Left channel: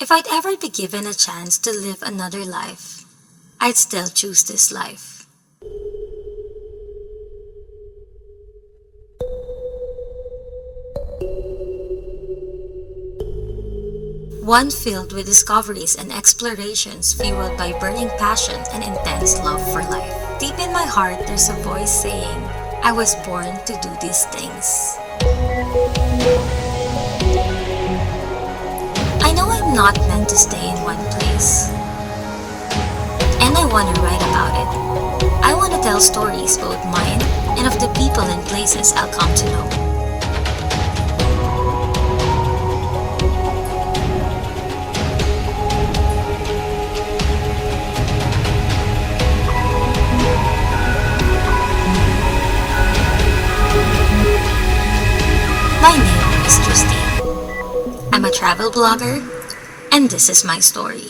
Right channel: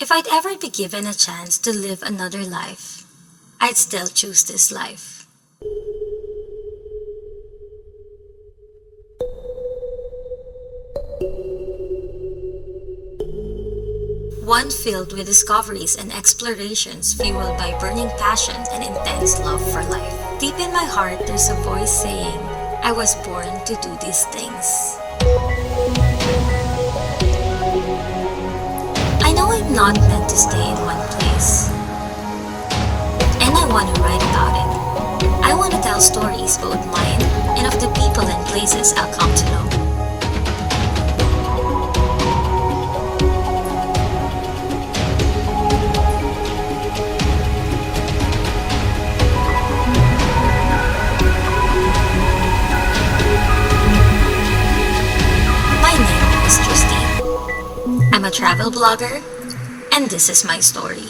If I'd ever be given a chance to live another life, I'd still choose this life. One filled with discoveries and explorations fueled by burning passion and intense love for life. Deep in my heart, there's a voice saying, I was born to do these things. I know I'm not meant to stay in one place. And I want to write about it. I want to tell stories, both mine and of the people and places I'll come to know. My name is Justine. I'm a travel blogger, and this is my story.